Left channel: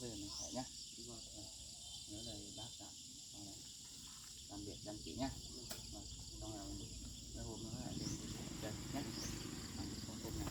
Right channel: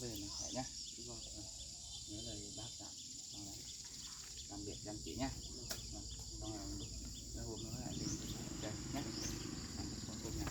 về này phải nhá. Nhớ lời bác dặn xong là làm việc chăm chỉ nhá. Xong là mấy hôm nữa lại lên chơi nhá. Làm con tôm nhà.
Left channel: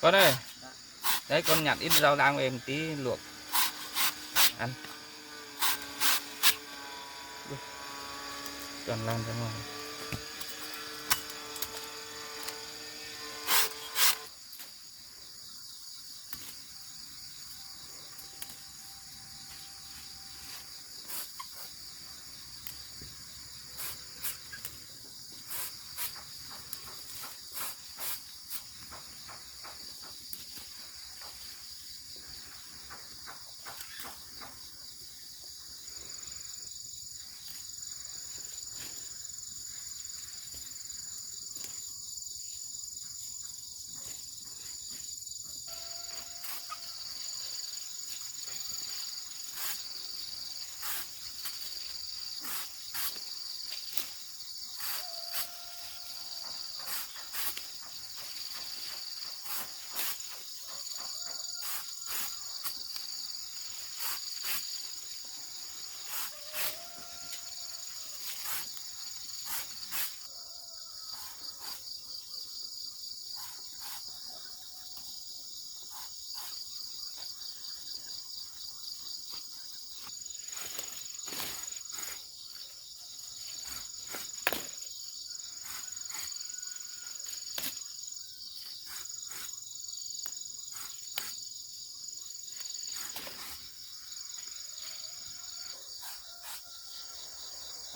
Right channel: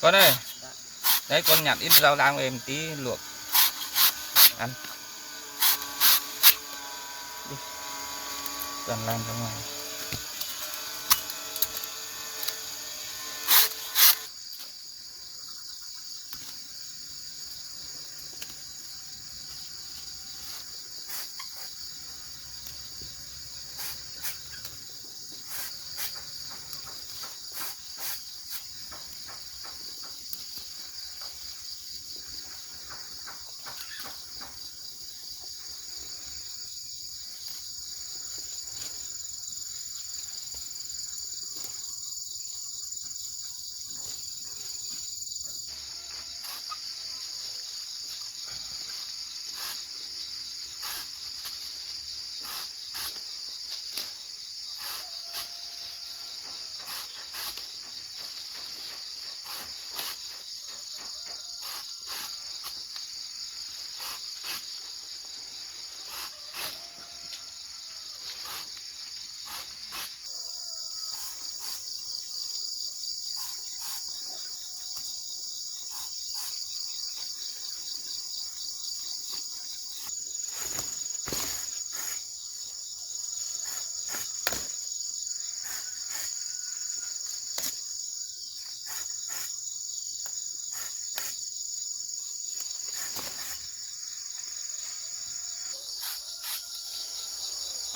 Con ơi, đấy con nhặt ít rau rang về một tí luộc ăn. Đi. Toàn làm cho ngon.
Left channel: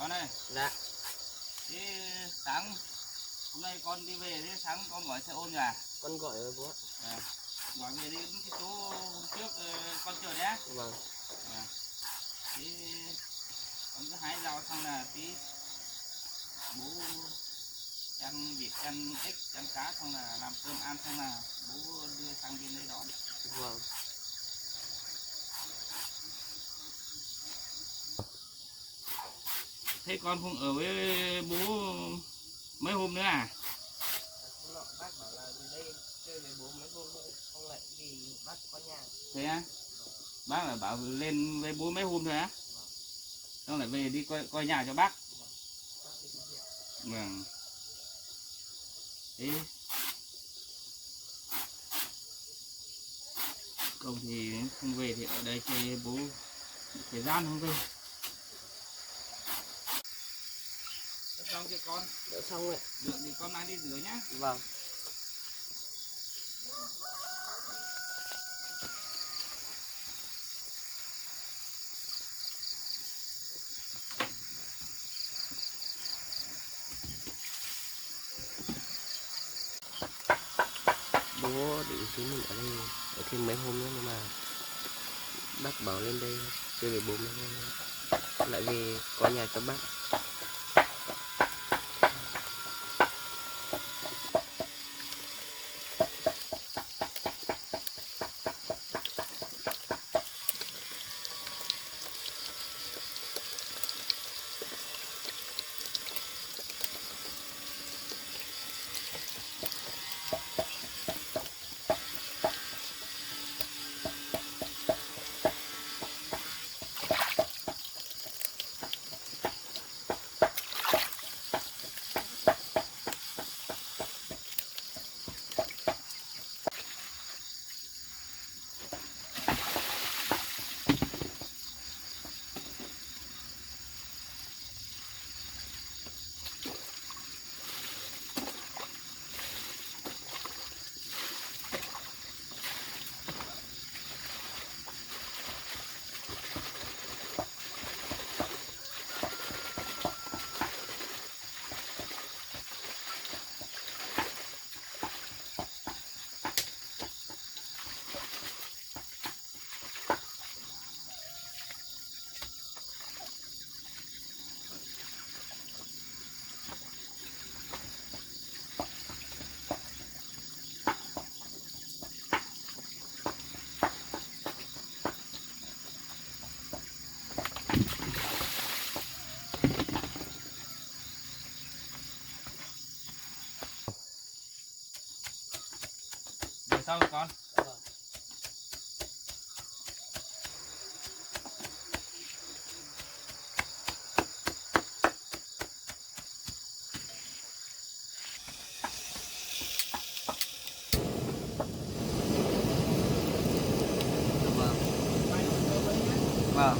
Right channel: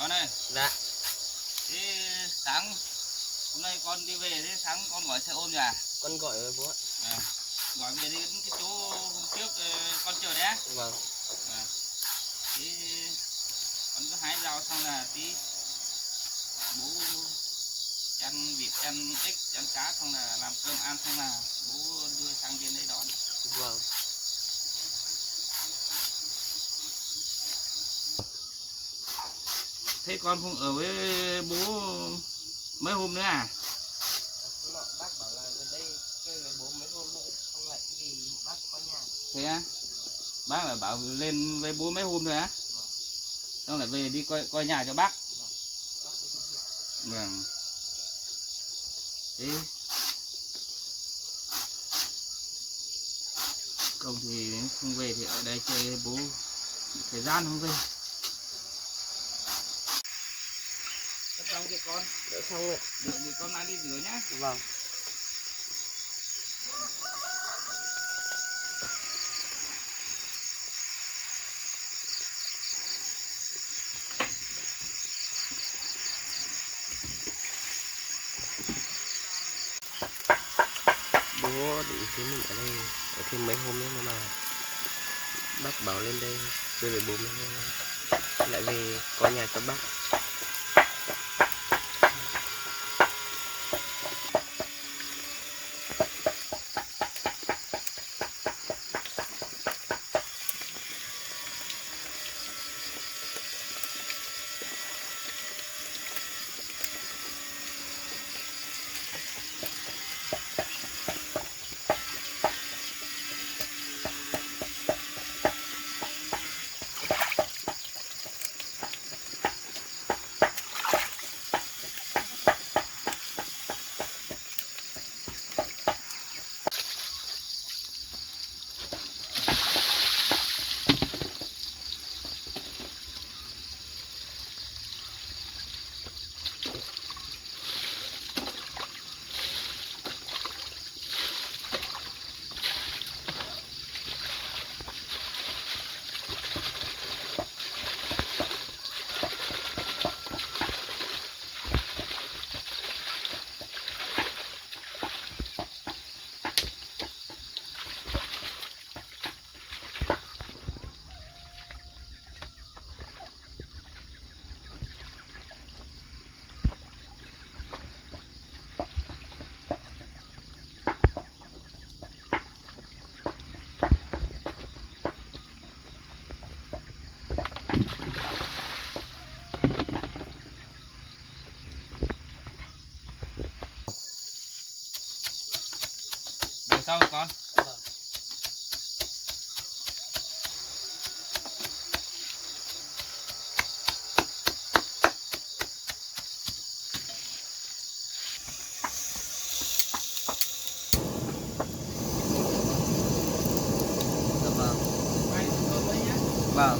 Con ơi. Dạ. Thế sáng hôm nay con đi về, thế sáng con gọi xe ôm à? Con gọi rồi bố ạ. Gọi về đến cái chỗ hôm trước con chờ đấy á. Vâng. Thế con cứ hái rau xong là tí bố chăn vịt, chăn ếch, chăn cá xong là làm cơm ăn, xong là bố đưa sang bên đấy đón. Vâng. Thế con không ở với bố mấy hôm nữa à? Bác bảo là đến đây chơi với bố mấy hôm nữa, không lại vì bác có nhà. Thế á? Bác là bảo lên với bố mấy hôm nữa á? Xong lại về đi coi nhà cho bác. Vâng. Thế công thì không về thì ở đây chơi với bố thời gian không về. Xong chưa con? Đỡ xong rồi. Được thì con mang đi rửa nhá. Vâng. Bố định xin mình ở đây ở thêm mấy hôm nữa, nhưng mà bác bảo lên đây chơi với bố mấy hôm nữa, lại về có nhà cho bác. sau con. Vâng.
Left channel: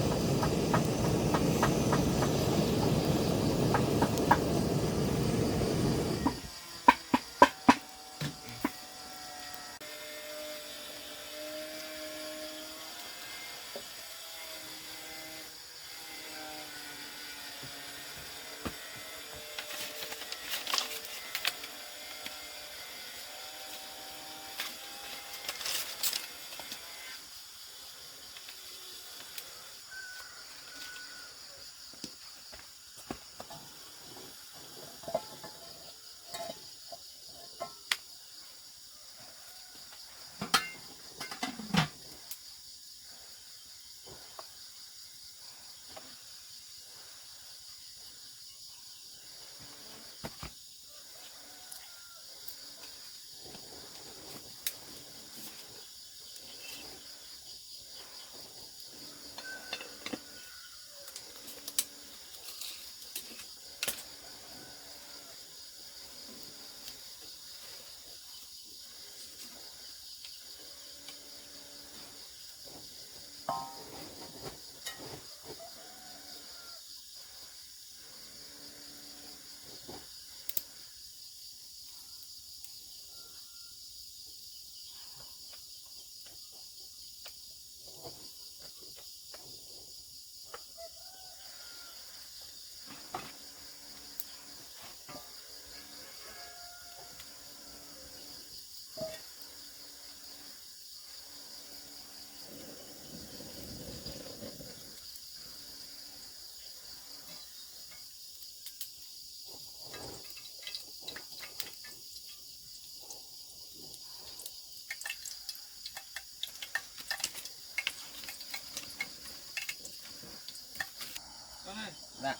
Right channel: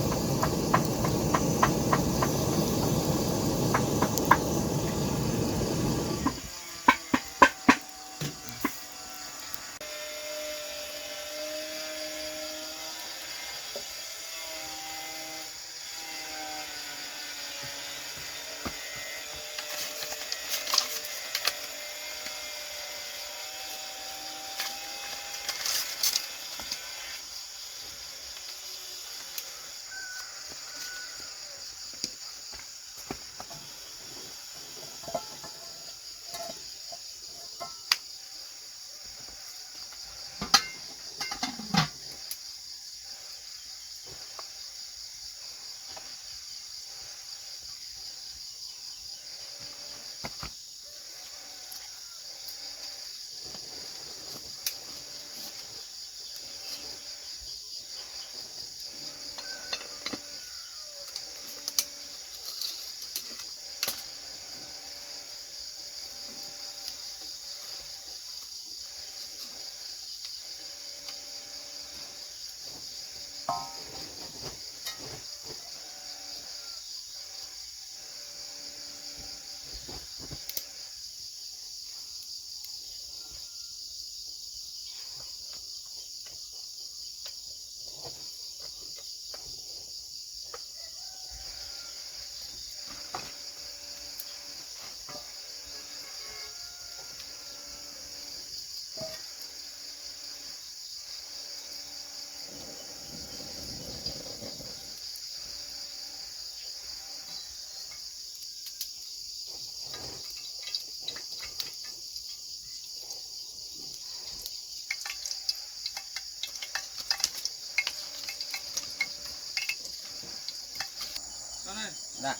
Con ơi, Dạ.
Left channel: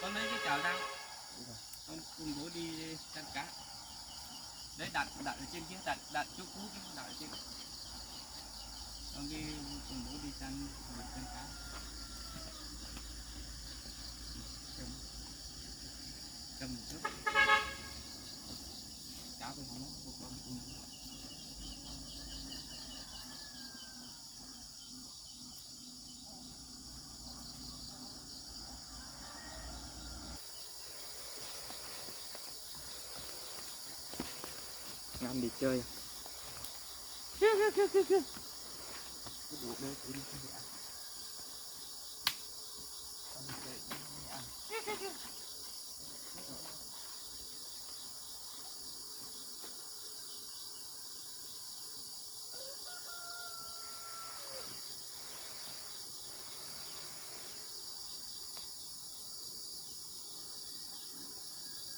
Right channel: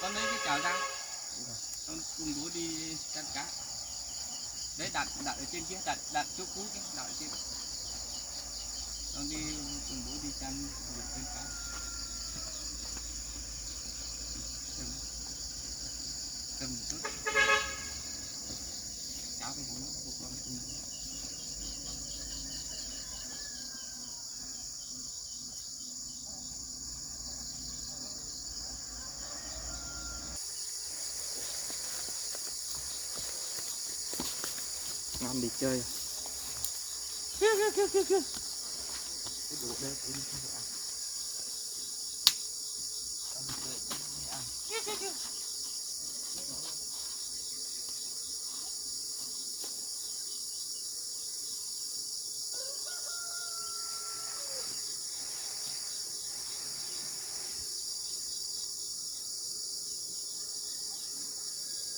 con lấy cái chảo rang. Con cùng bố đi chăn cá. Đấy đặt ở trên kia, đặt chỗ cũ kia, đặt ở trên. Con đi cùng bố đi chăn cá. Cầm một chút. Cháo thì không nó buộc con cùng. Ngon đi chơi à? Cái đồ đây thì đi ăn. Con đi chơi đi ăn.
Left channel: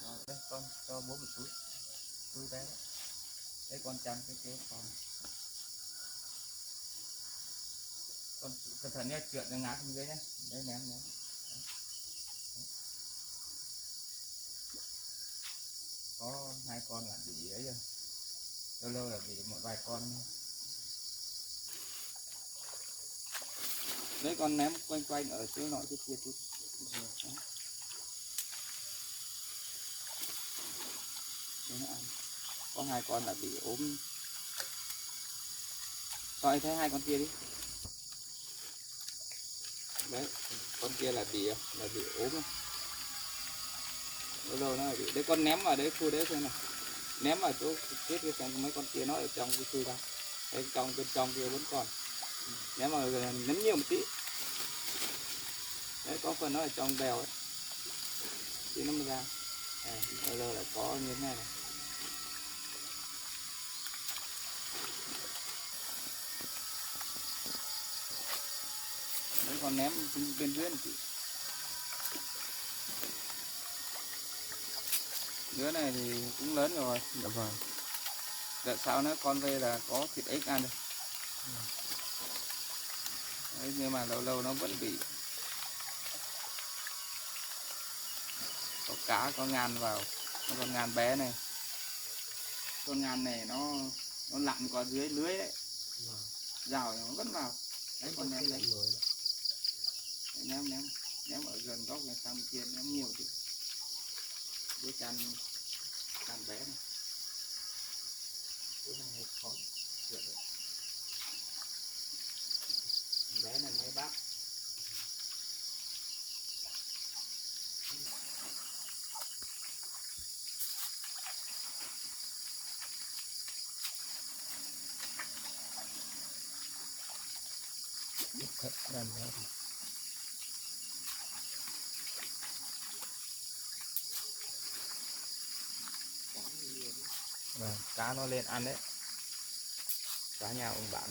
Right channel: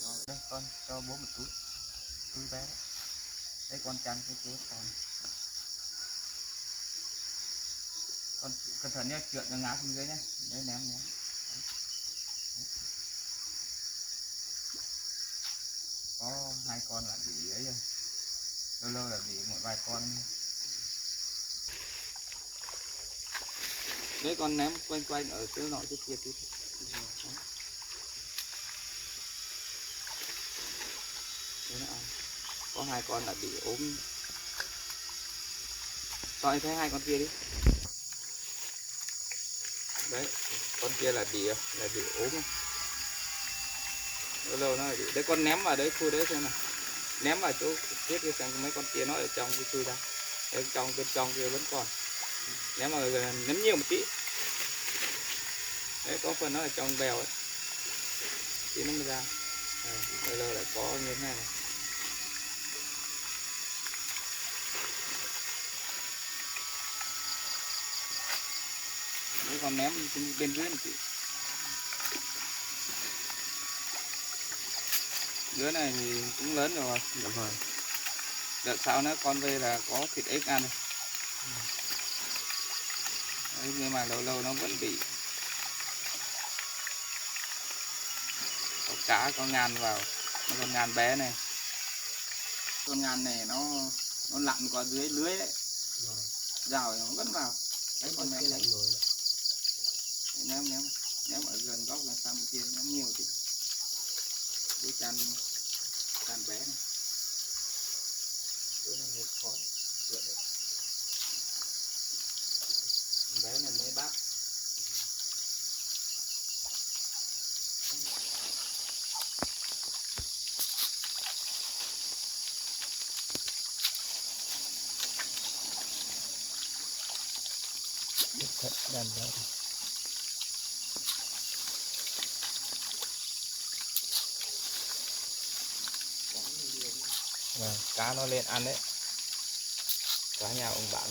Rồi đây con cho bố một túi bé đấy. Đây con chăn cái chế con cẩn thận nhé, trượt nó ngã xuống dưới nhé. Đấy ném. Đấy. Có 2 con là bị ấy rồi, lâu là bị một vài con. Đấy con ném quanh ở chỗ nọ chỗ kia tí. Đấy nó ăn. Có 2 con là bị ốm. Coi thấy 2 con kia đi. Đấy, con kia là bị ốm. Lâu nó bị. Đấy con ném vào đấy khu đấy xem nào. Ném vào chỗ chết kia xem mấy con kia nó ở trong cái chui ra. Đấy, bên trong kia vẫn còn. Ném vào ném nhiều một tí. Đấy có phần nó ở trong bèo ấy. Tí nó mới ra. Lâu lại có như thế này này. Đấy còn ném bên dưới một tí. Đứa này thì cũng lớn rồi. Dạ vâng. Đợt sau nó con đây là có thịt ếch ăn. Đấy, nhưng mà lâu nó vẫn bị. Có cá, có ngàn vào. Con ngàn bé này. con ngàn này nó lặn qua dưới lưới đấy, Vâng. rào nó vẫn vào. Đấy, Đấy, con con kia ném lại nổi. ném ở gần góc là sang bên kia ném nhiều chứ. Với can bé này. Chỗ này hơi khó chuyện đấy. Bé này mới bắt. Thật đàn đó. Vâng, cá nó lên ăn đấy. Cá nhà ông bạn.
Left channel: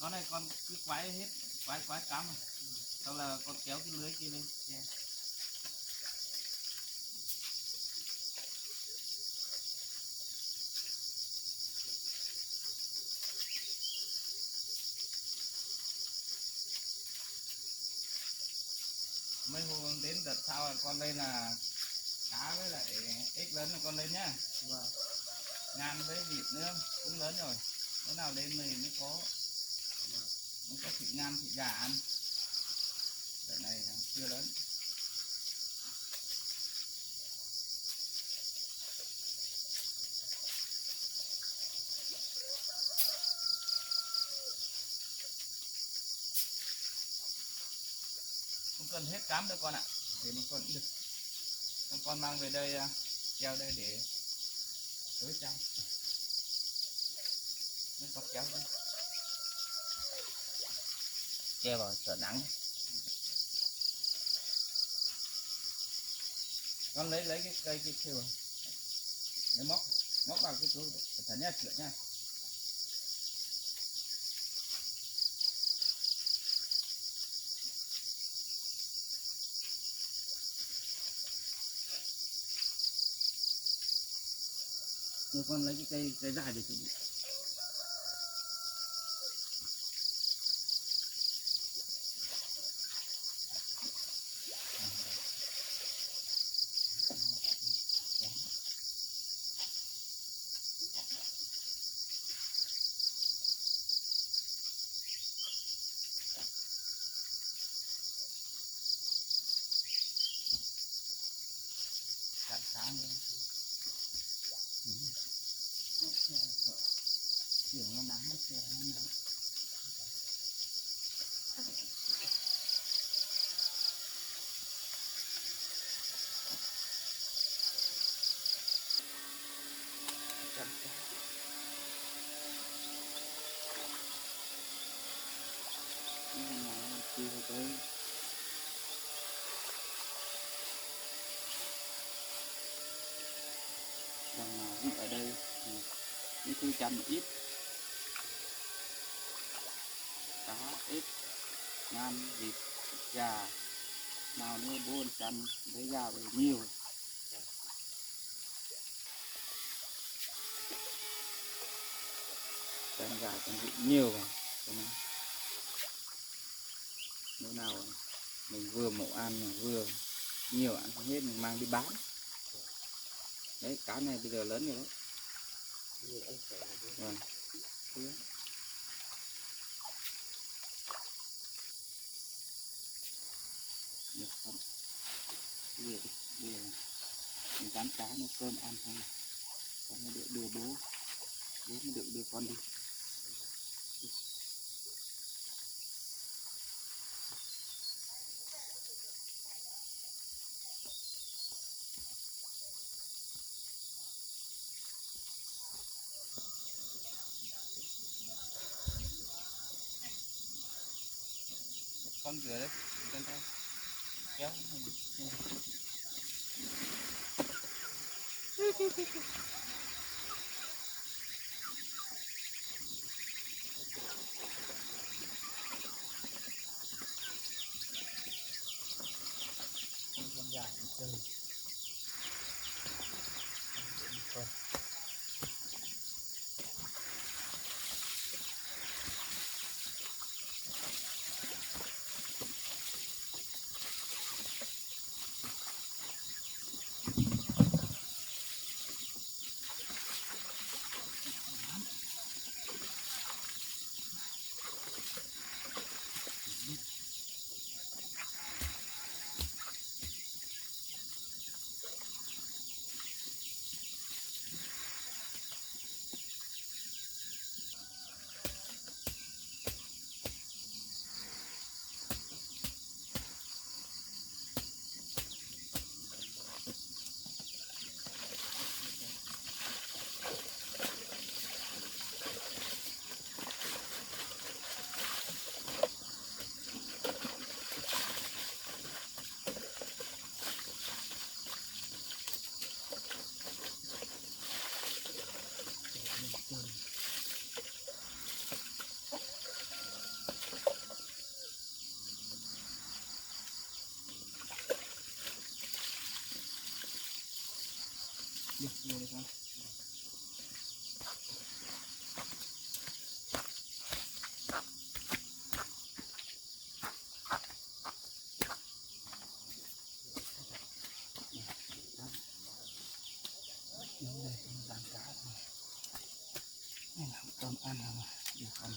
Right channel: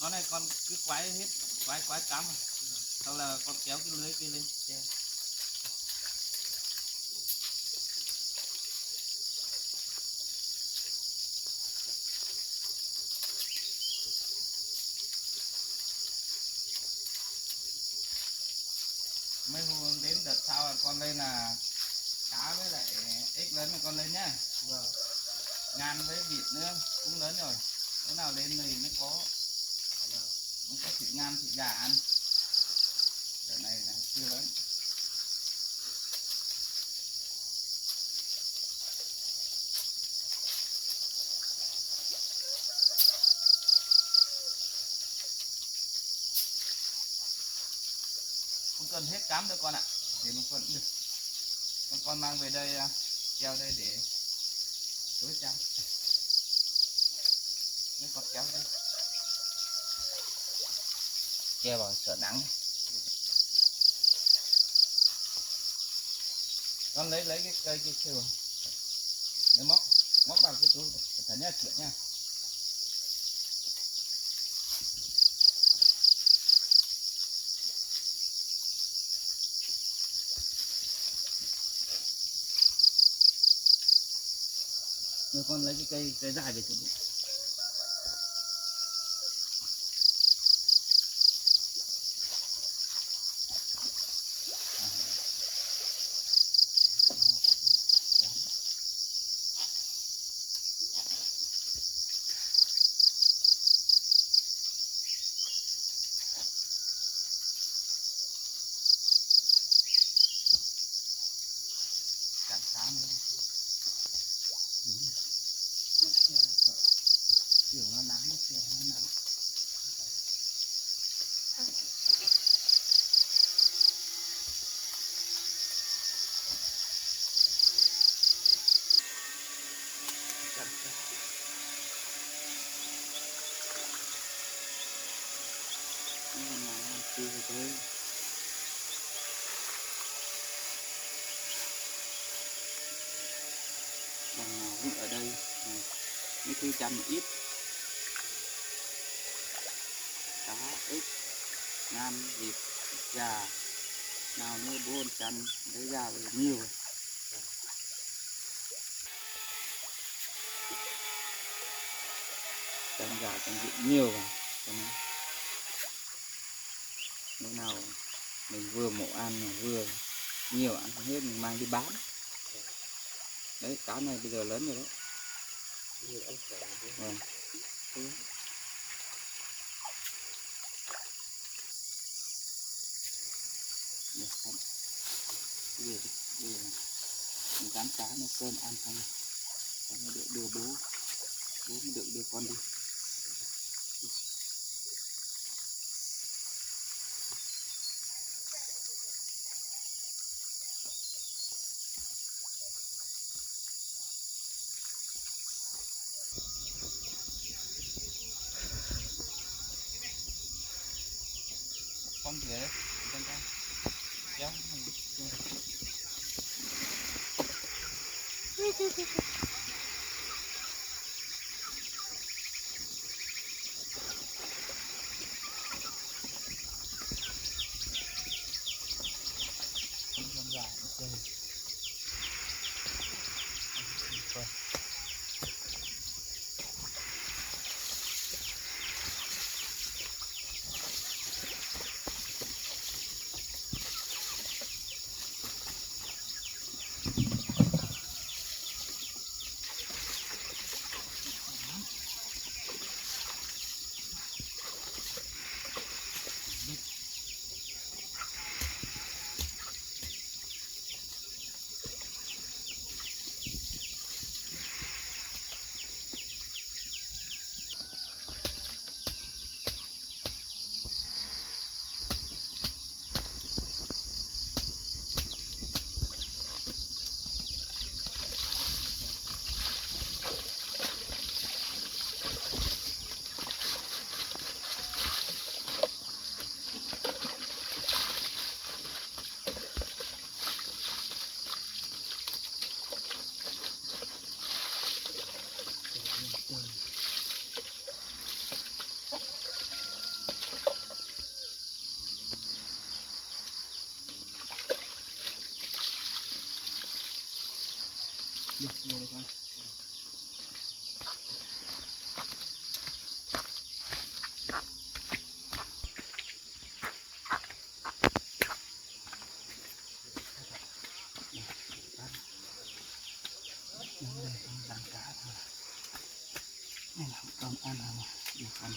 Con này con cứ quái hết, quái cắm. Sau là con kéo cái lưới kia lên. Yeah. Mấy hôm đến đợt sau con lên là cá với lại ếch lớn là con lên nhá. Vâng. Ngàn với vịt nữa cũng lớn rồi. Cái nào lên thì nó có thịt ngan thịt gà ăn. Cái này là chưa lớn. Không cần hết cám đâu con ạ. Để nó còn được. Con mang về đây treo đây để tối trăng. Nếu con kéo đây. Treo vào sợ nắng. Con lấy cái cây kia chưa? Để móc vào cái túi. Thật nhất chuyện nha. Rồi con lấy cái cây dài để chuẩn bị. Cạn sáng nữa. Chiều nó nắng, chiều nó nắng. Cạn sáng. Nhưng mà nó chưa tới. Đằng nào cũng ở đây thì mấy thứ chăm ít. Cá, ếch, ngan, vịt, gà. Nào nữa bố con chăn lấy ra về nhiều. Chăn gà chăn vịt nhiều vào. Cho nên lúc nào mình vừa mổ ăn mà vừa nhiều ăn không hết mình mang đi bán. Đấy cá này bây giờ lớn rồi đấy. Nhiều ăn khỏe rồi. Vâng. Thế. Được không? Bây giờ mình bán cá nó cơm ăn xong rồi. Còn nó được đưa bố mới được đưa con đi. con rửa đấy con tay kéo con dài chơi thôi. Được, được con. Nó đây con dàn cá thôi. Này là con ăn rồi, được con.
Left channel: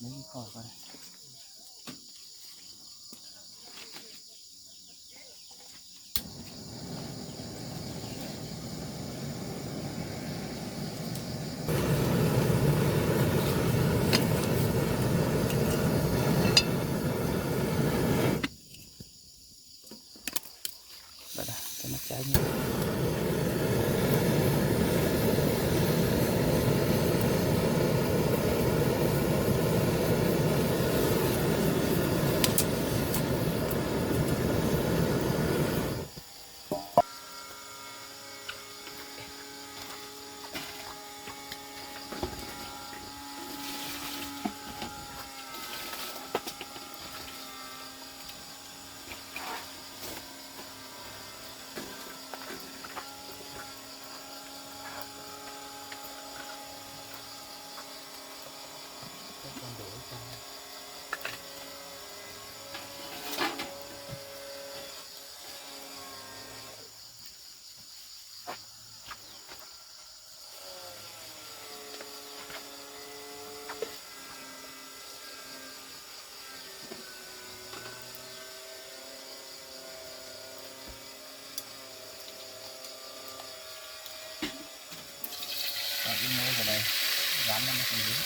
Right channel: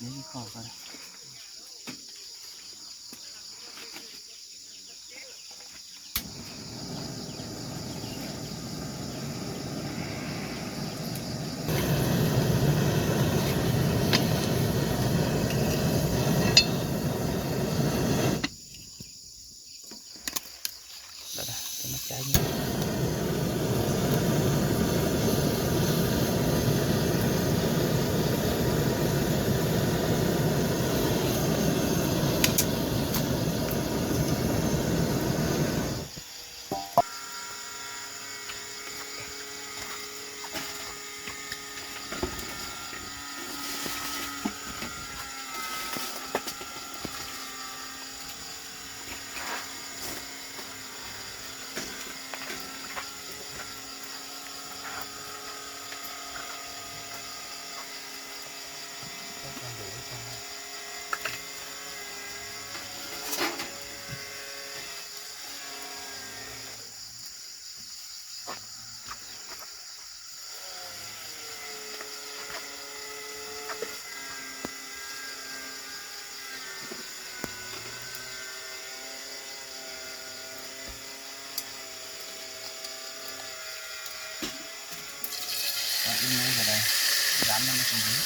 Lấy cái khổ coi đây. Đây đây, cái mắt trái như con đuổi con. In ngay vào đây, dán nó xuống dưới.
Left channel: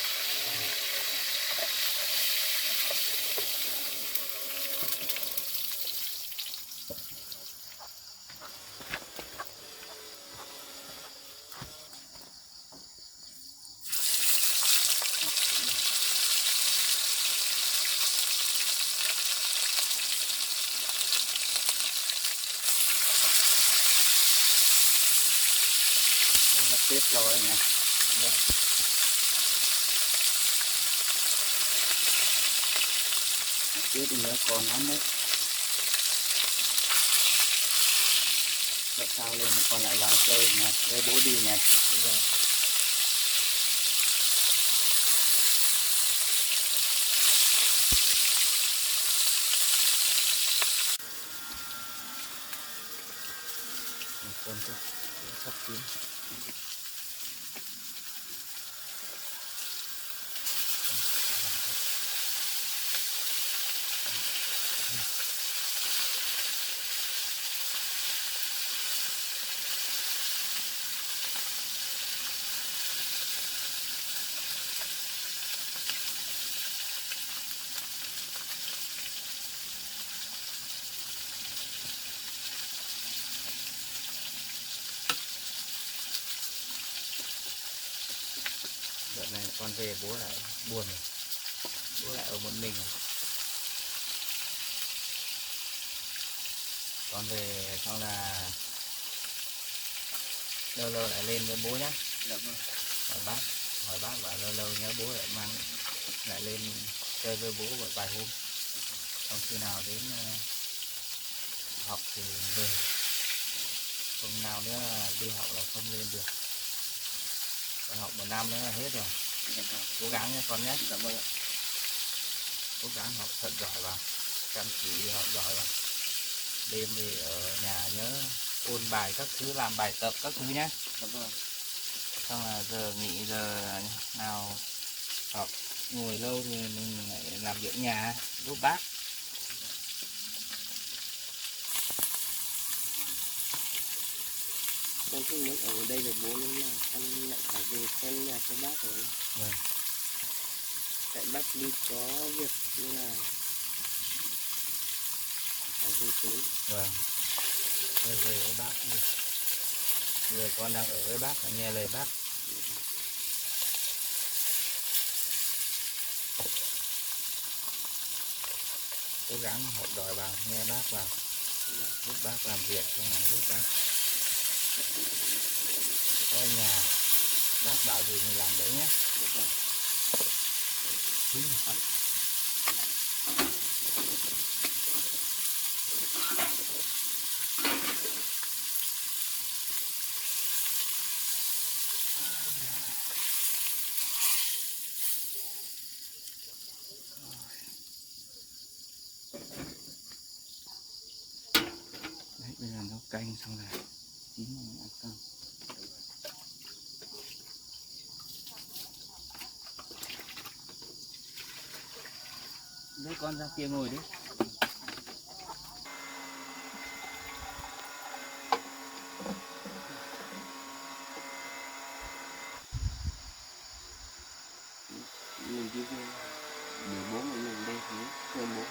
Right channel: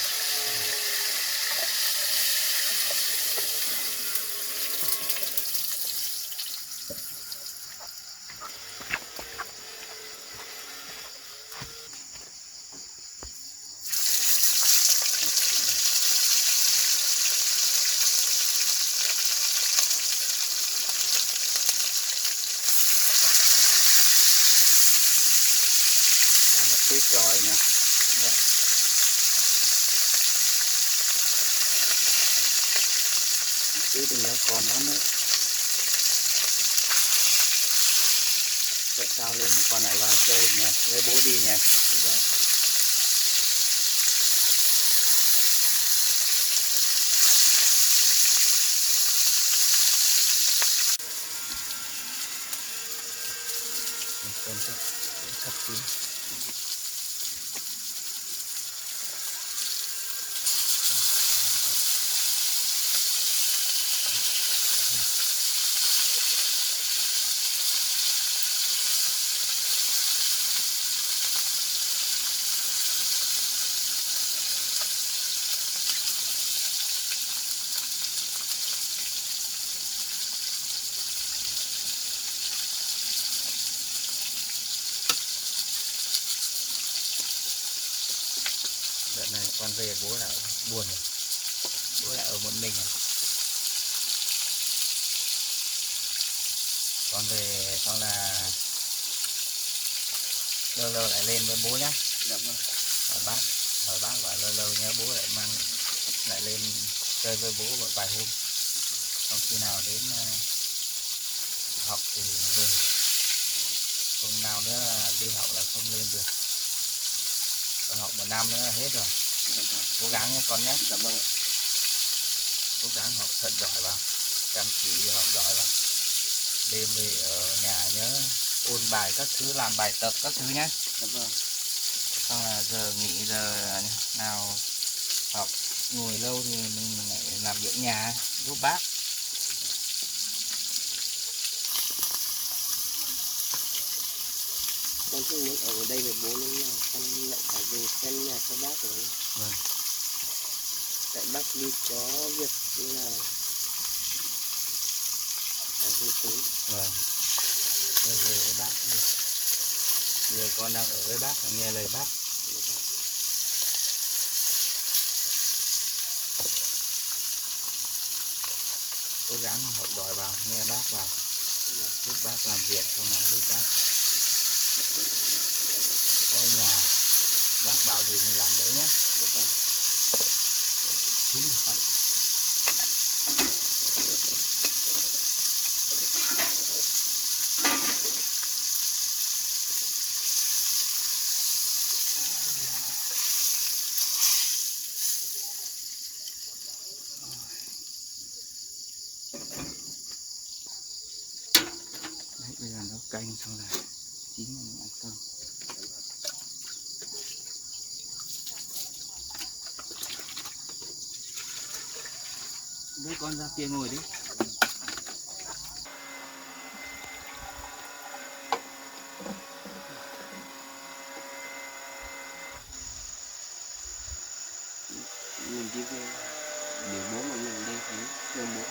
Nó tiếp rồi nhỉ. Rồi. Tiếp thì nhớ còn lắm nữa. Vậy sao lên còn lại vào chơi nhỉ, với bố đi nhỉ. Đúng rồi. Cơm sắp chín. này con về bố lại buồn rồi. Bố lại ở một mình rồi. Con về xong là lâu lâu lại lên với bố nhá. Dạ vâng. Hỏi bác bảo lâu lâu nhớ bố lại mang lại lên chơi với bố một vài hôm. Xong khi nào đến học thì về. Hôm nào nữa đi học là không lên được. Còn học 1 năm nữa là hết rồi. Dạ vâng. Cố gắng nhé con nhé. Dạ vâng. Cố gắng học thật giỏi vào, chăm chỉ học giỏi vào. Đêm về ở nhà nhớ ôn bài các thứ, làm bài tập các thứ nhé. Dạ vâng. Xong là giờ nghỉ, giờ nào học ngồi lâu thì mình lại làm việc nhà giúp bác. Con không muốn ở đây với bố nên là con lại phải về xem nhà cho bác rồi. Vâng. Tại bác đi có việc nên là phải về sớm. Vâng. Bây giờ với bác đi. Giờ con đang ở với bác, phải nghe lời bác. Cố gắng học giỏi vào, nghe bác vào, giúp bác làm việc, không là giúp bác có nhà, bác bảo gì mình làm đấy nhé. Chín rồi. Đấy, bây giờ nấu canh xong là chín rồi mình ăn cơm. Đưa con ra kia ngồi đi. Mình đi về để bố một mình đây thấy thương bố.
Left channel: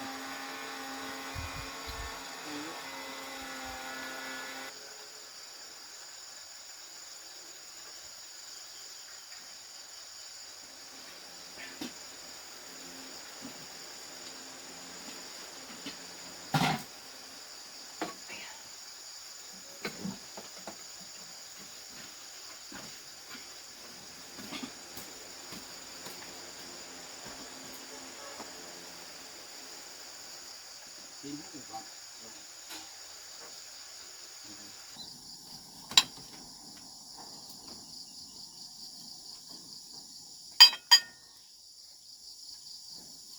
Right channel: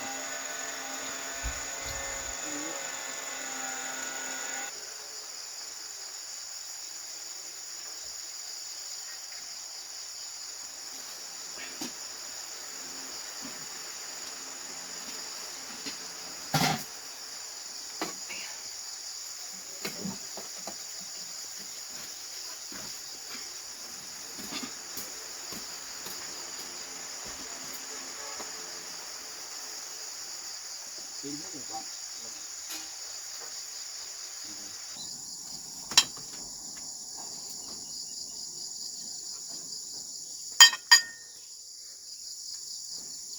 Chín hết rồi con.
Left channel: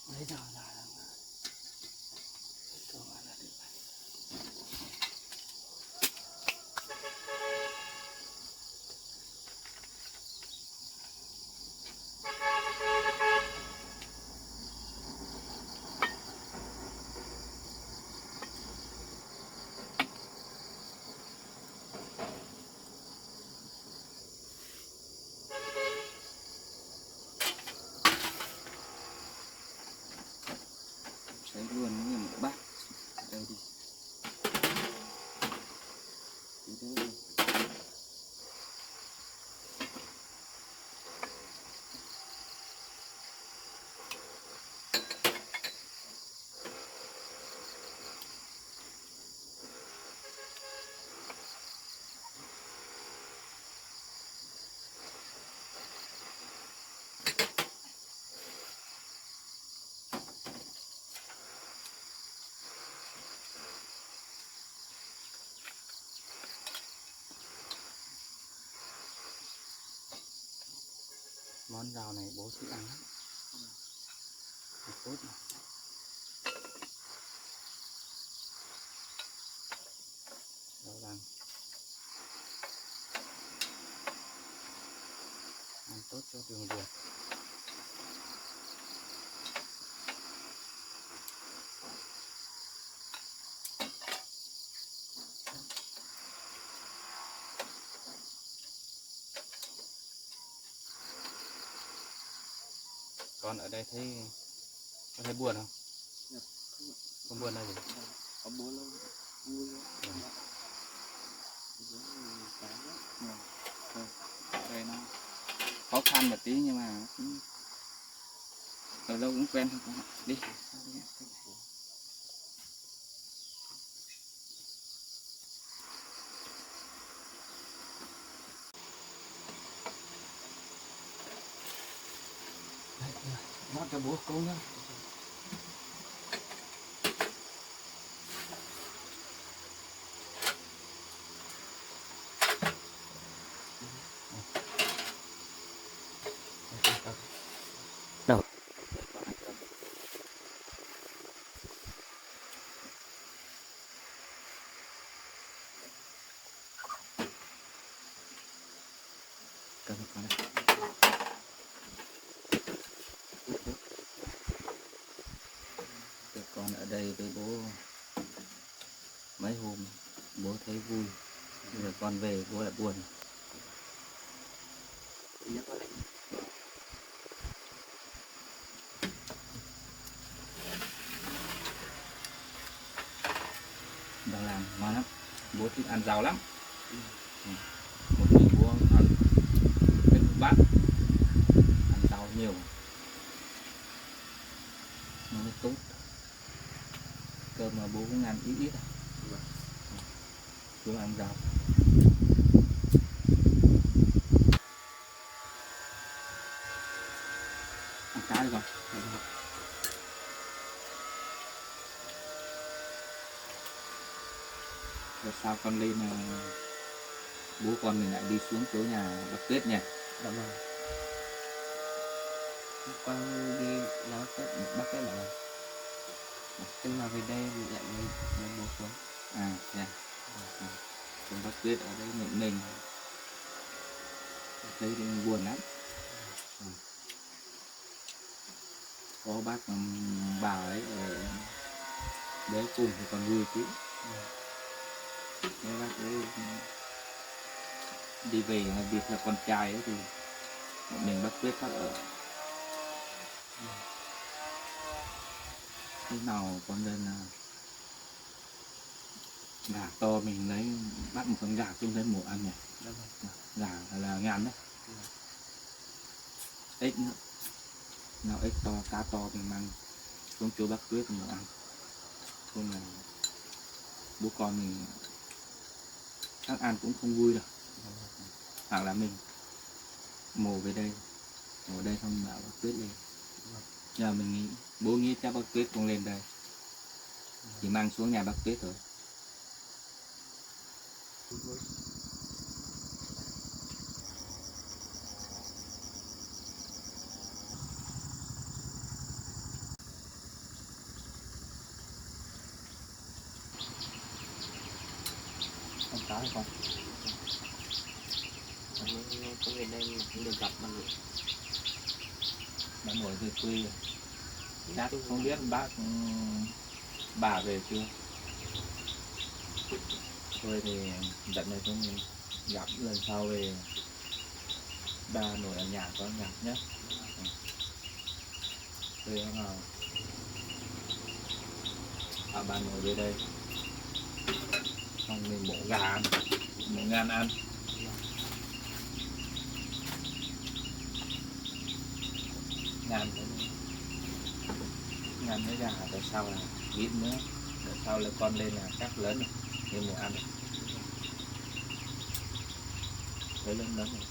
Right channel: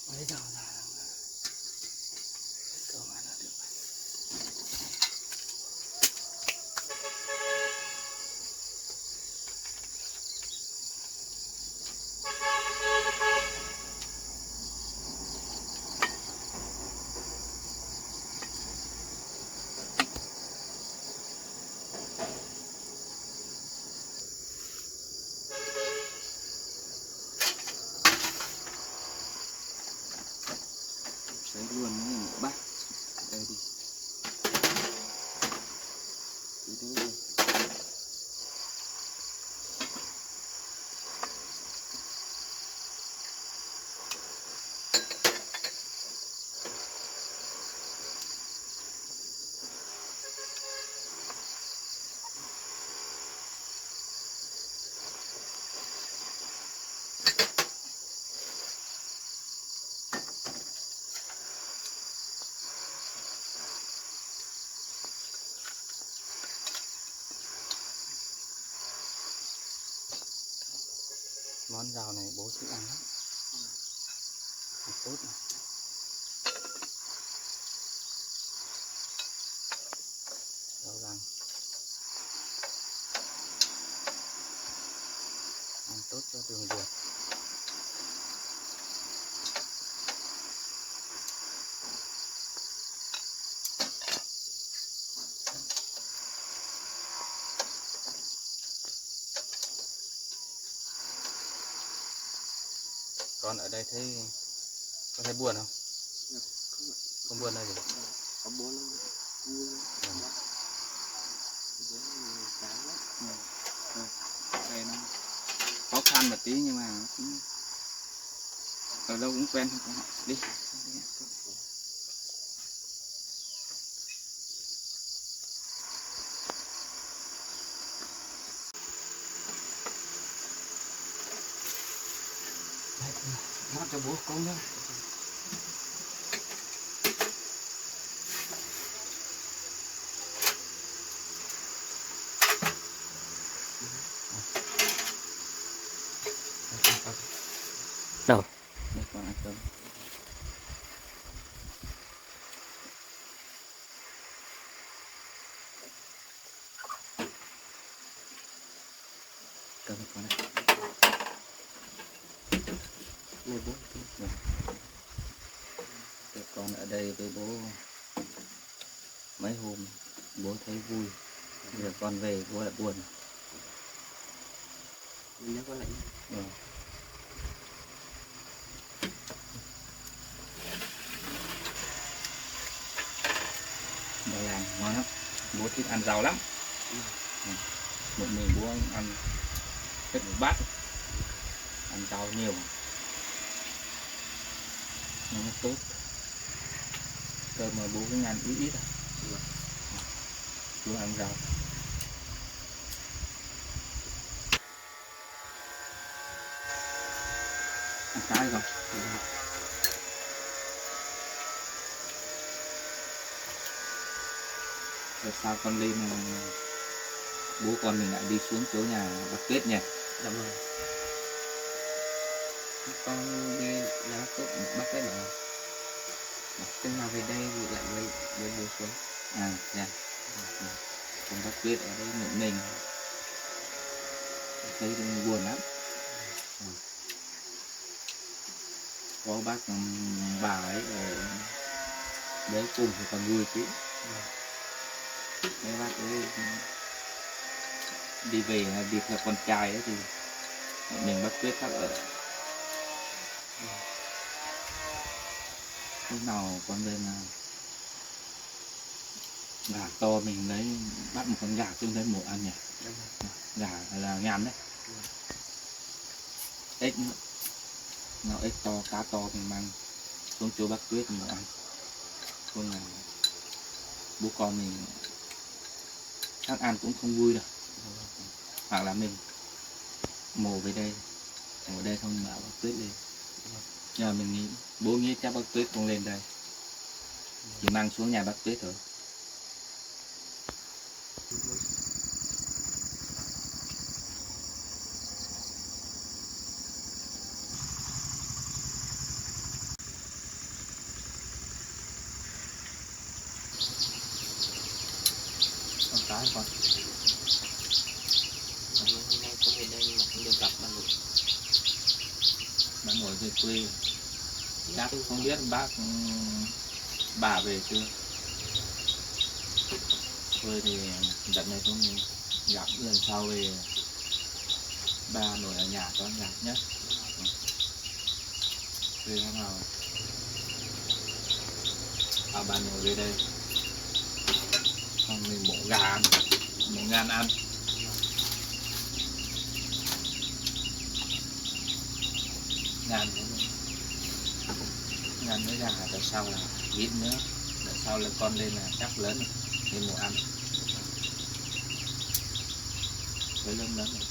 Bây giờ là cơm ăn là được. Sấy luôn như một bát. Đây đi. Đi thế đi. Món rau này bố thích ăn lắm. Ăn tốt này. Rau rang. Ăn tốt cho đường ruột. Con ở đây thấy có thấy buồn không? Dạ, không ạ. Không buồn là gì? Có bố nó vui. Vâng. Bố mình chán lắm. Đây nó khó khăn một tí nhưng mà ở đâu cũng quen của họ đi. Nó cho bố con nhá. Đâu? Đây còn ăn cơm. Cơm con này. Đây bố. Tụi con ở đây với bố mấy hôm bố thấy vui, rồi con về bố lại buồn. Nhớ con lại. Rồi. Đã làm ngon lắm, bố thích ăn rau lắm. Một mình bố ăn hết một bát, ăn rau nhiều nó mới tốt. Cơm mà bố cũng ăn ít ít à. Bố ăn rau. Ăn cá đi con. Rồi sao con đi mà bố con mình lại đi xuống chỗ nhà bác Tuyết nhỉ? Đúng rồi. Con đi ra bác Tuyết bảo từ nào về đây thì lại với bố xuống. À, dạ. Còn bác Tuyết ở đây một mình thấy buồn lắm. Có bác bà ấy ở đấy cùng thì còn vui chứ. Nếu bác ấy đi về việc là con trai ấy thì một mình bác Tuyết khác ở. Lúc nào con lên gà to mình lấy bắt một con gà trên lấy mổ ăn nhỉ. Gà là ngàn đấy. Ếch nữa. Nào ếch to, cá to mình mang xuống chỗ bác Tuyết mổ ăn. Không là bố con mình chắc ăn cũng không vui đâu. Hoặc là mình mổ về đây, mổ đây không bảo bác Tuyết lên. Giờ mình nghĩ, bố nghĩ chắc bác Tuyết không lên đây, chỉ mang xuống nhà bác Tuyết thôi. Con cái con. Hôm nay con về đây mà không được gặp bà nội. Bà nội về quê, chắc không biết bác bà về chưa. Thôi thì đợt này cũng gặp lần sau về bà nội ở nhà có gặp nhé. Về hôm nào bà nội về đây xong mình mổ gà ăn, mổ ngan ăn. Ngàn với gà đợt sau là ít nữa, đợt sau là con lên là chắc lớn rồi nên mổ ăn với lớn lớn rồi.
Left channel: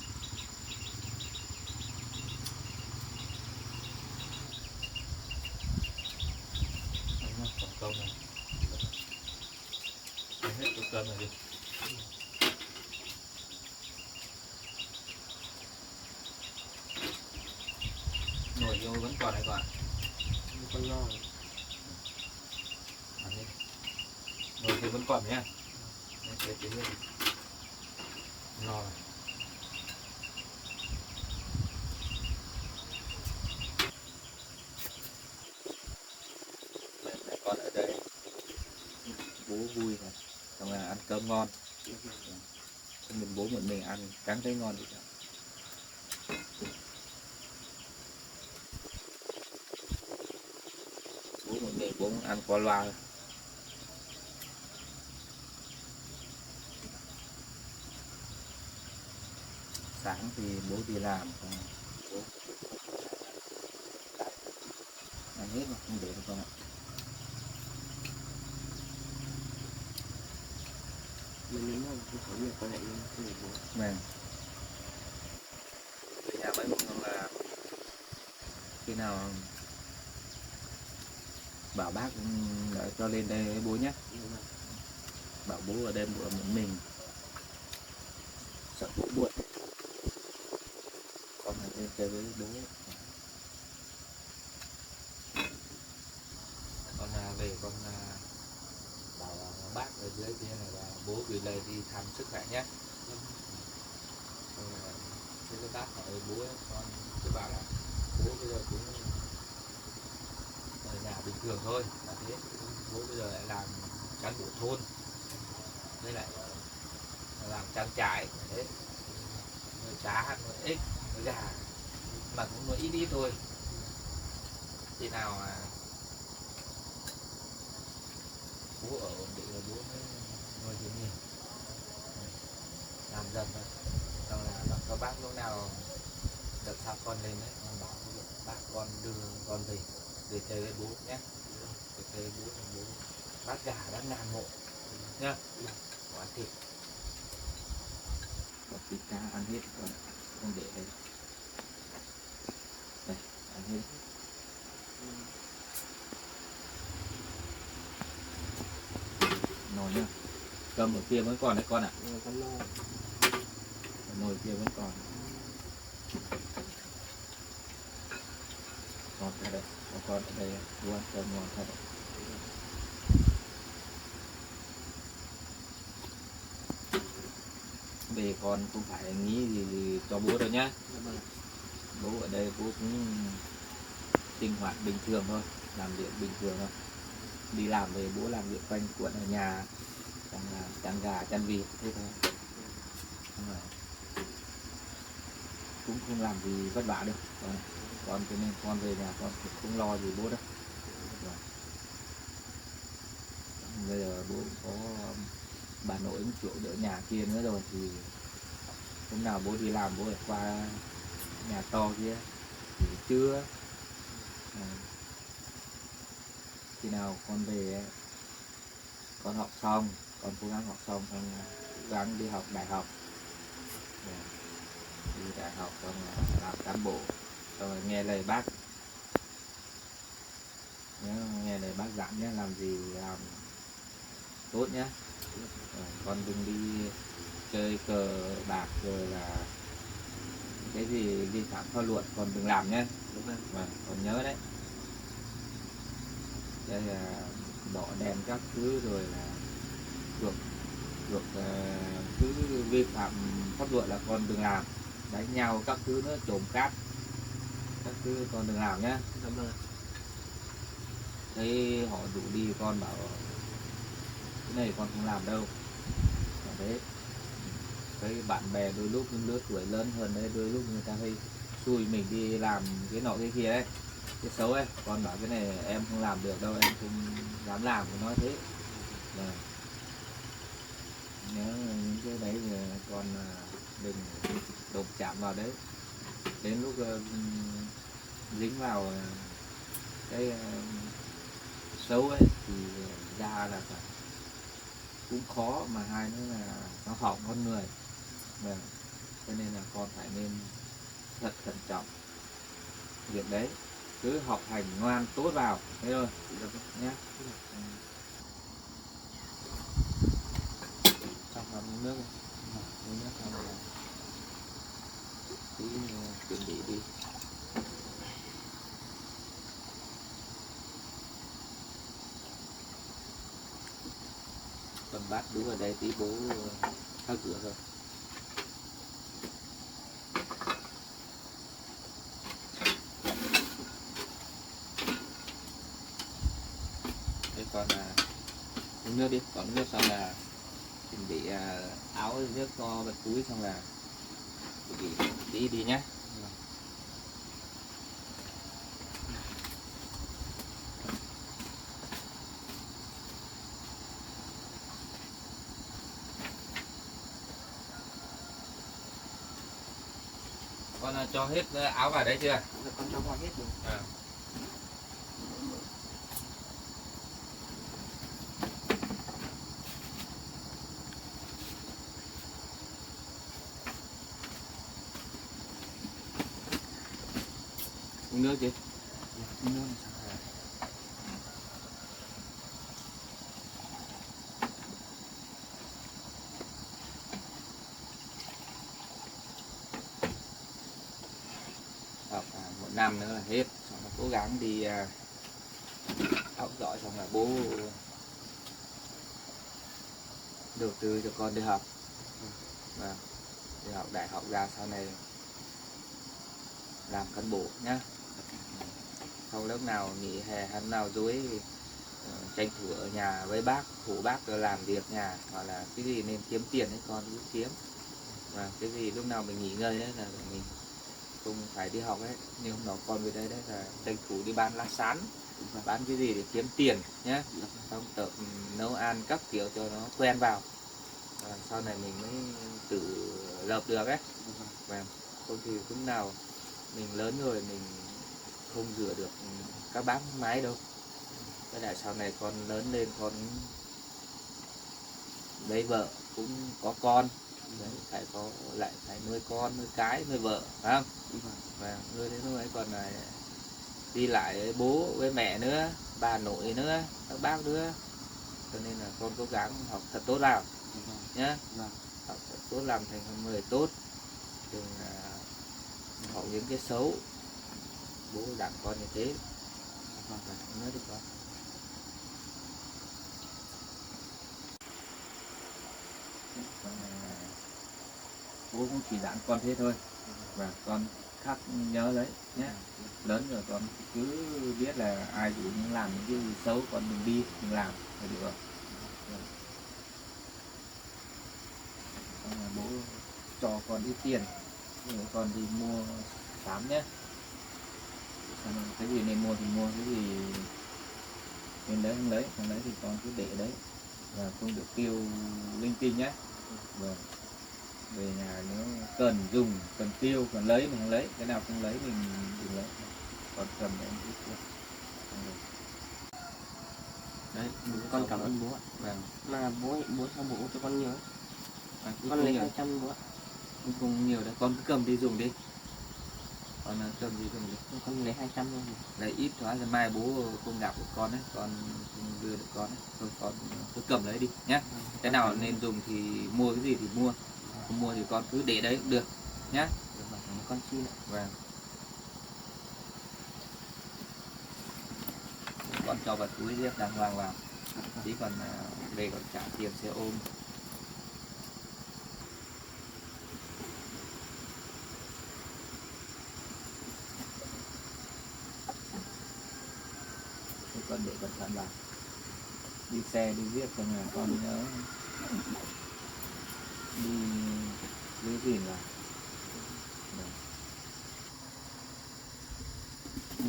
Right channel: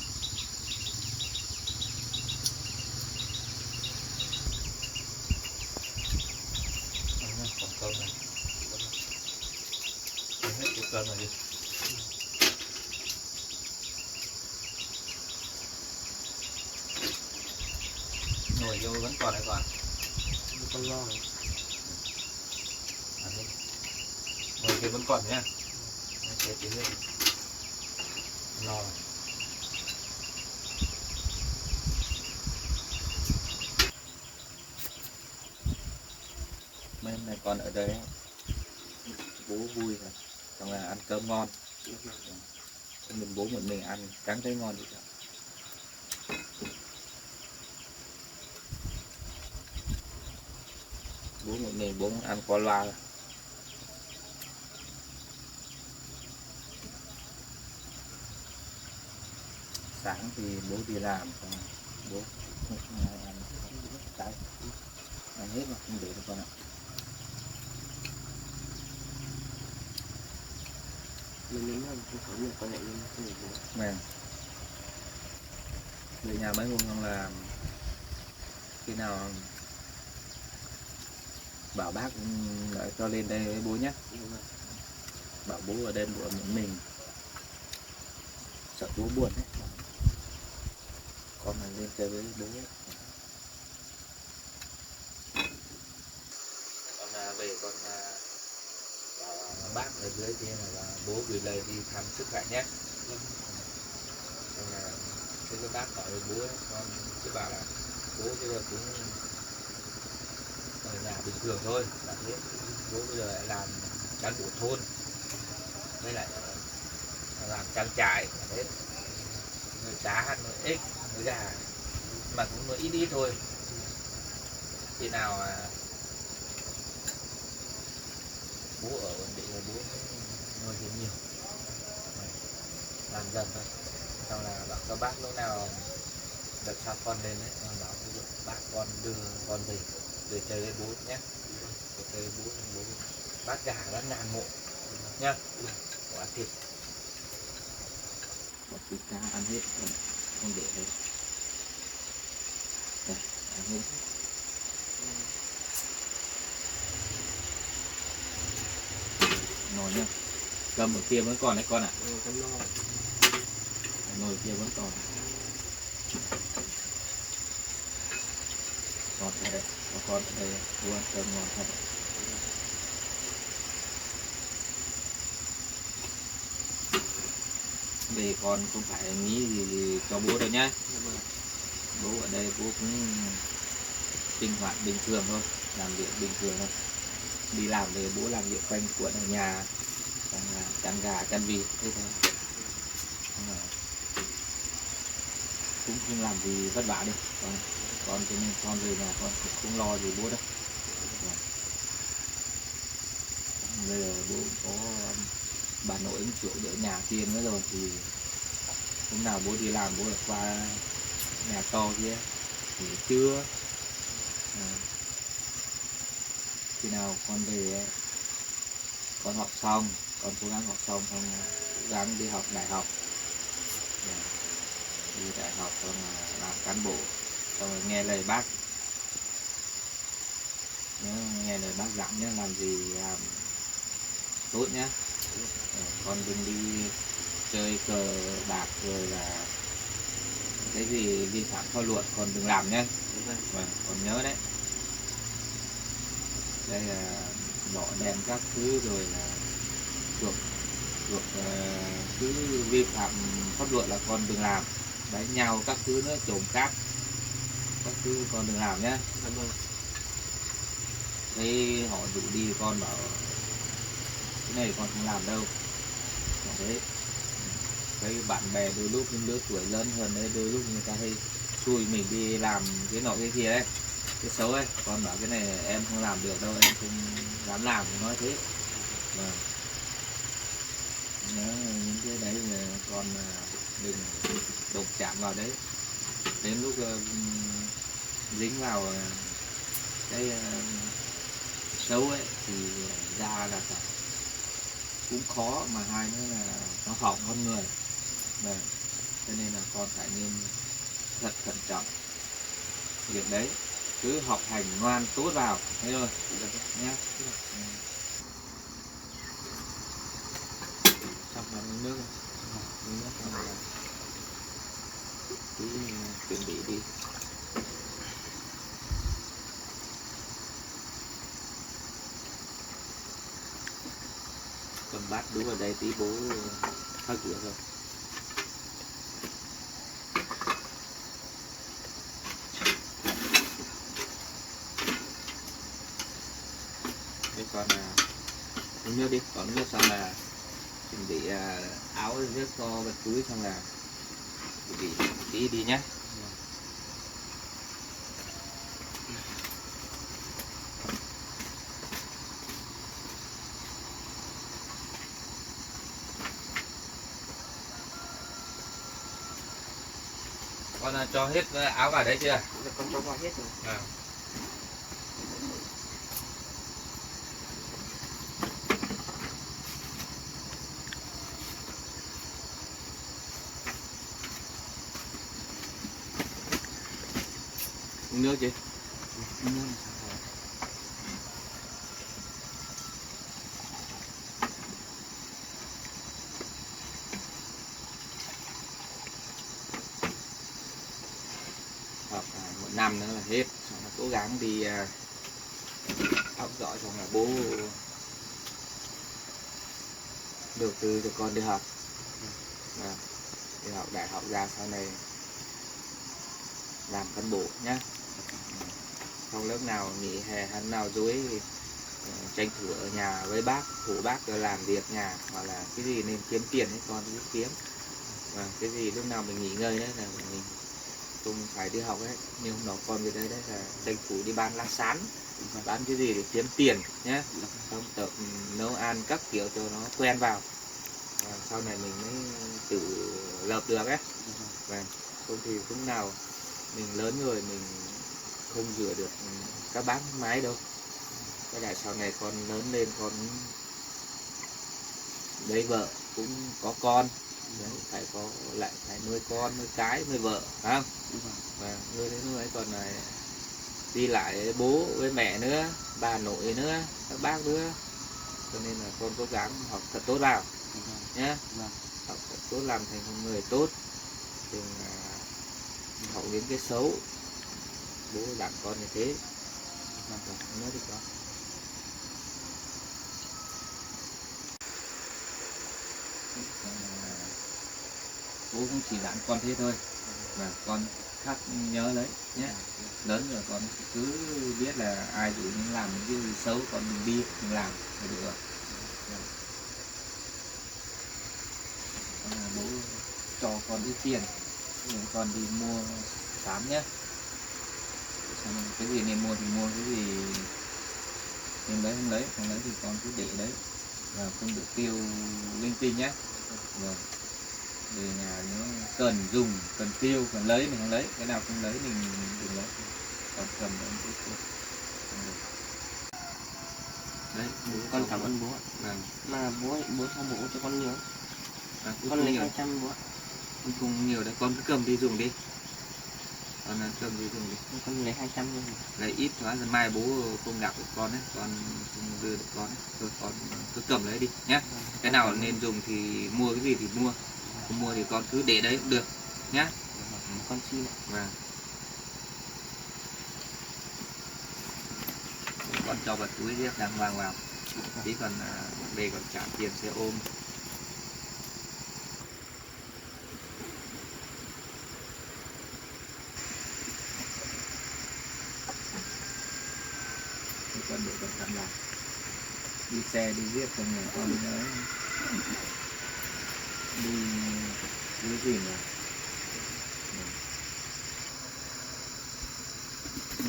Còn cơm này hết chỗ cơm rồi đi. Nồi vô vẫn còn đấy, còn Con lo. ăn đi. Nồi kia vẫn còn nhá. Cái tí nữa no rồi. Bên này con ở đây bố vui rồi, xong là ăn cơm ngon. Xong mình bố một mình ăn cắn thấy ngon đi. Bố một mình bố ăn qua loa. Sáng thì bố đi làm, xong bố không có ai ăn cái. ăn hết mà không để được con ạ. Mình nhớ là không có nhiều con nhện nhưng không được bố. Vâng. Về nhà mấy hôm không là khi nào bảo bác cho lên đây với bố nhé. Bảo bố ở đây bố ở mình sợ bố buồn. Con là lên chơi với bố. Con về con bảo bác ở dưới kia là bố gửi lời đi thăm sức khỏe nhé. Xong là thế cái bác hỏi bố ấy, con cứ bảo là bố bây giờ cũng ở nhà bình thường thôi, và thế bố bây giờ lại làm cán bộ thôn với lại làm trang trại đấy, nuôi cá nuôi ếch nuôi gà mà cũng nuôi ít ít thôi. Khi nào mà bố ở ổn định rồi bố mới nuôi thêm nhiều, làm dần thôi. Xong là bảo các bác lúc nào đợt sau con lên đấy con bảo bác con đưa con về để chơi với bố nhé. Để chơi với bố thì bố bác gà đã ngàn mộ nhá. Quả thịt có thịt cá ăn hết còn không để đây. Đây ăn hết. Nồi nhá. Cầm ở kia vẫn còn đấy con ạ. Con lo. Nồi kia vẫn còn. Ngon thật đấy. Có con ở đây luôn cơm ngon thật đấy. Về con không phải nghĩ gì cho bố đâu nhá. Bố ở đây bố cũng sinh hoạt bình thường thôi, làm việc bình thường thôi. Đi làm về bố làm việc quanh quẩn ở nhà, chăn gà chăn vịt thế thôi. Cũng không làm gì vất vả đi. Con cho nên con về nhà con cũng không lo gì bố đâu. Bây giờ bố có bà nội một chỗ đỡ nhà kia nữa rồi thì hôm nào bố đi làm bố lại qua nhà to kia thì trưa khi nào con về con học xong, con cố gắng học xong xong cố gắng đi học đại học, đi đại học xong làm cán bộ, xong rồi nghe lời bác, nghe lời bác dặn nhé, làm gì làm tốt nhé. Con đừng đi chơi cờ bạc rồi là cái gì vi phạm pháp luật con đừng làm nhé. Vâng, con nhớ đấy. Đây là đỏ đèn các thứ rồi là thuộc cứ vi phạm pháp luật là con đừng làm. Đánh nhau các thứ nữa, trộm cắp các thứ con đừng làm nhé. Thấy họ rủ đi con bảo cái này con không làm đâu. Còn thế thấy bạn bè đôi lúc những lứa tuổi lớn hơn đấy, đôi lúc người ta hay xui mình đi làm cái nọ cái kia ấy, cái xấu ấy, con bảo cái này em không làm được đâu, em không dám làm, thì nói thế. Nhớ những cái đấy là con đừng đụng chạm vào đấy. Đến lúc dính vào cái xấu ấy thì ra là cũng khó, mà hai nữa là nó hỏng con người. Cho nên là con phải nên thật cẩn trọng việc đấy, cứ học hành ngoan tốt vào thế thôi nhé. Xong rồi nước xong rồi tí chuẩn bị đi. Cầm bát đũa ở đây tí bố khắc rửa rồi. Đây còn uống nước đi, còn nước xong là chuẩn bị áo nước cho vật túi, xong là chuẩn bị tí đi nhé. Con cho hết áo vào đấy chưa? Con cho vào hết rồi. nước chứ. Nước. Học một năm nữa là hết, xong là cố gắng đi học giỏi, xong là bố đầu tư cho con đi học. Đi học đại học ra sau này làm cán bộ nhá. Không lớp nào nghỉ hè hay nào dối tranh thủ ở nhà với bác, phụ bác làm việc nhà, hoặc là cái gì nên kiếm tiền ấy con cứ kiếm. Và cái gì lúc nào mình nghỉ ngơi đấy là mình không phải đi học ấy, nhưng hôm đó con về đây đấy là tranh thủ đi bán lá sán, bán cái gì để kiếm tiền nhé, không tập nấu ăn các kiểu cho nó quen vào, và sau này mình mới tự lập được ấy. Và không thì lúc nào mình lớn rồi mình không rửa được các bác máy đâu. Cái lại sau này con lớn lên con lấy vợ cũng có con đấy, phải có lại phải nuôi con, nuôi cái, nuôi vợ, phải không? Và nuôi đến nuôi còn này đi lại bố với mẹ nữa, bà nội nữa, các bác nữa, cho nên là con cố gắng học thật tốt vào nhé. Học thật tốt, làm thành một người tốt, đừng học những cái xấu. Bố dặn con như thế. Nói đi con. Bố cũng chỉ dặn con thế thôi, và con khắc nhớ lấy nhé. Lớn rồi con cứ biết là ai dụ những làm những cái gì xấu con đừng đi, đừng làm thì được rồi. Con là bố cho con ít tiền để con đi mua sắm nhé. Xong rồi cái gì nên mua thì mua, cái gì nên lấy không lấy, không lấy thì con cứ để đấy, và không được tiêu linh tinh nhé. Rồi về nhà nếu cần dùng, cần tiêu, cần lấy mình không lấy, cái nào không lấy mình đừng lấy, còn cầm đấy cứ tiêu. Đấy, Con cảm ơn bố ạ. Vâng. Mà bố cho bố cho con nhiều. Con lấy nhiều, 200 bố ạ. không nhiều đấy, con cứ cầm đi dùng đi. Con cầm đi dùng đi. Con lấy 200 thôi. Lấy ít quá rồi mai bố không gặp được con ấy, con không đưa được con ấy. Thôi con cứ cầm lấy đi nhé. Cái nào nên dùng thì mua, cái gì thì mua. Không mua thì con cứ để đấy cũng được nhé. Con xin ạ. Vâng. Con cho vào túi riêng đàng hoàng vào. Tí còn về còn trả tiền xe ôm. Con để cẩn thận vào. Đi xe đi viết cho nhà con nhớ đi giữ gìn vào.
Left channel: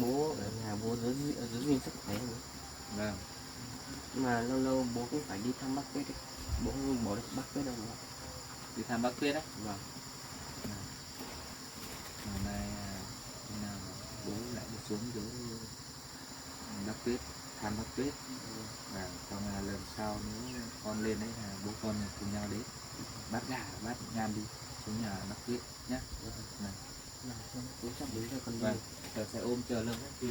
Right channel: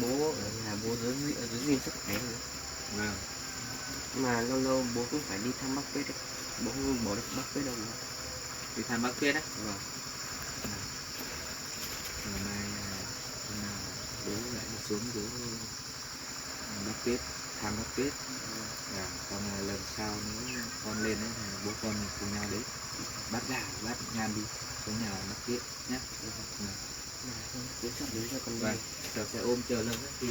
Bố ở nhà bố giữ gìn sức khỏe nữa. Vâng. Mà lâu lâu bố cũng phải đi thăm bác Tuyết đấy. Bố không bỏ được bác Tuyết đâu nữa. Đi thăm bác Tuyết á? Vâng. Ngày mai hôm nào bố lại đi xuống dưới bác Tuyết, thăm bác Tuyết. Và xong là lần sau nếu con lên đấy là bố con cùng nhau đến bắt gà bắt ngan đi xuống nhà bác Tuyết nhé. Bố sắp đến cho con đi. Vâng, chờ xe ôm chờ lâu hết đi.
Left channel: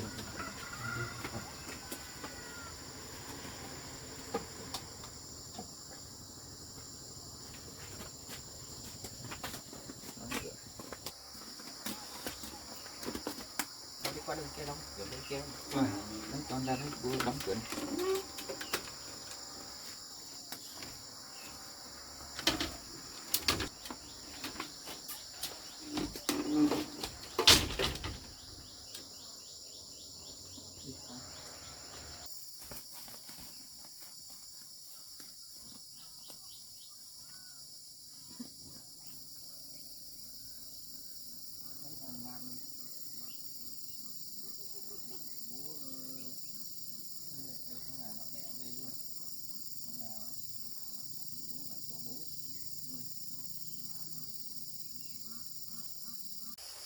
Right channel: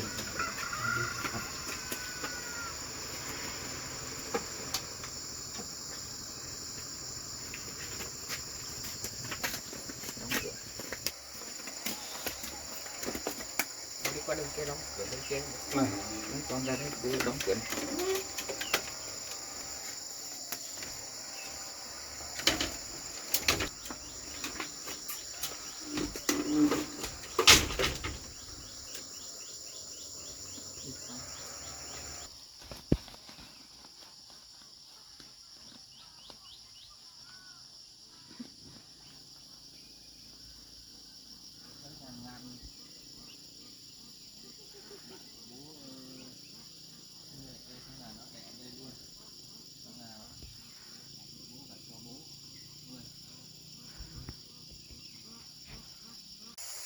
Đi qua bên kia đóng cửa bên kia. Con ra đấy bố đóng cửa.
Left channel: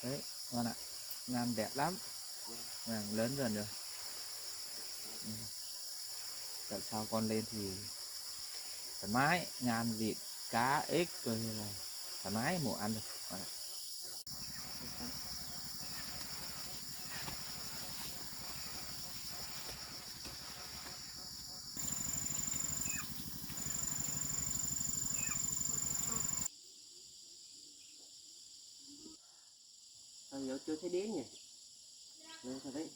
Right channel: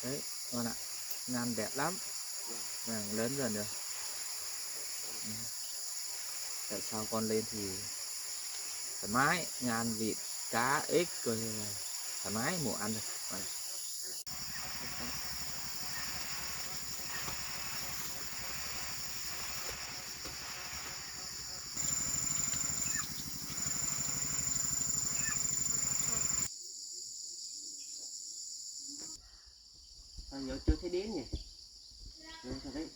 Đấy con ạ, Nam đẹp lắm, lớn dần rồi. Tại sao con lên thì thoải mái, ngan vịt cá ếch rồi là thoải mái mùa ăn rồi. chưa thấy đến nhỉ. Rồi sao đấy.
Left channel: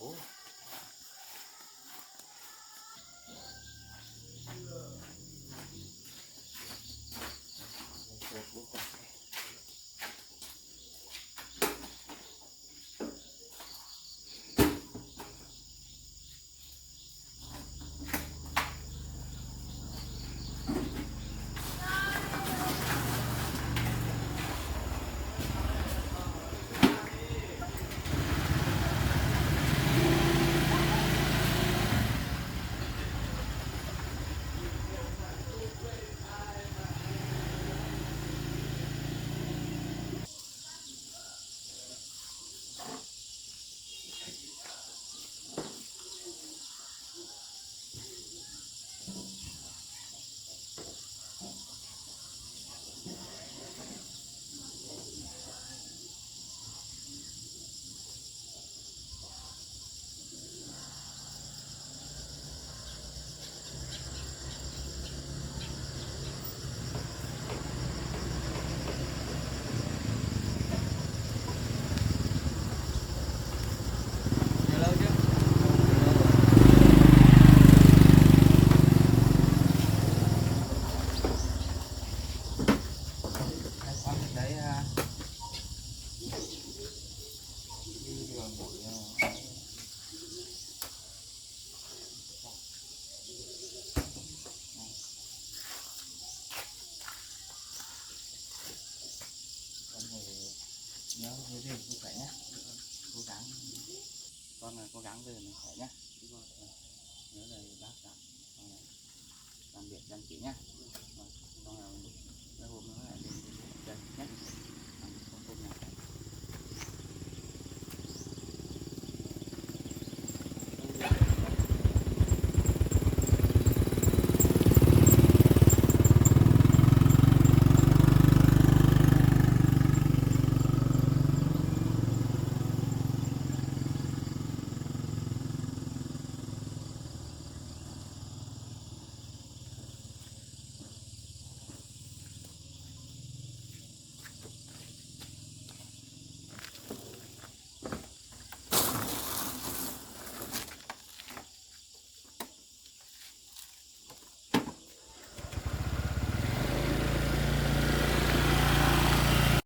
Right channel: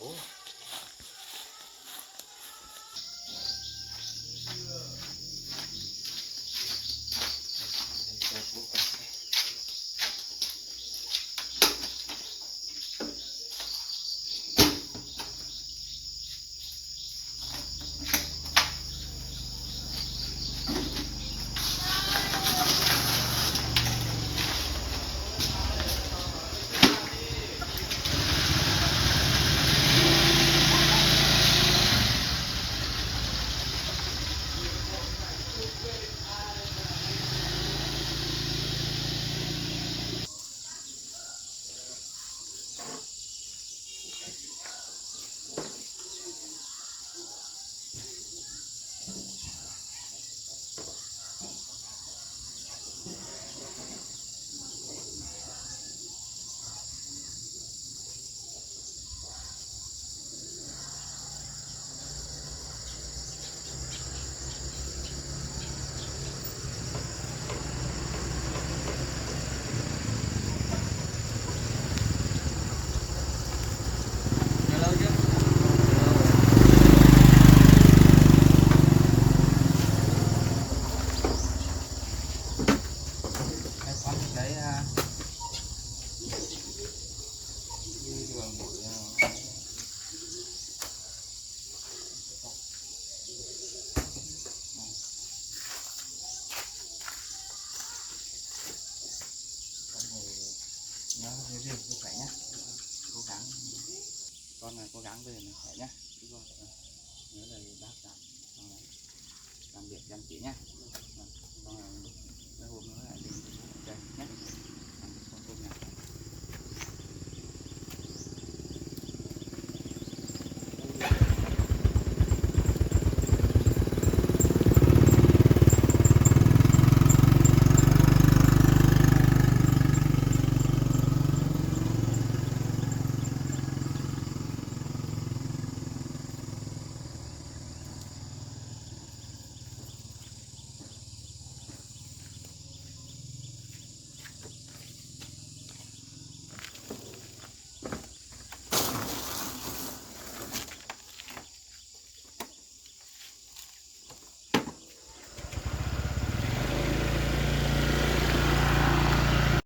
Ủa. nhớ về rừng sức khỏe nhé, cố gắng con là cố gắng về mình khỏe nhé, nhớ lời bác dặn, làm việc chăm chỉ nhé, con là mấy hôm nữa lại lên chơi nhé, làm con tôm nhà.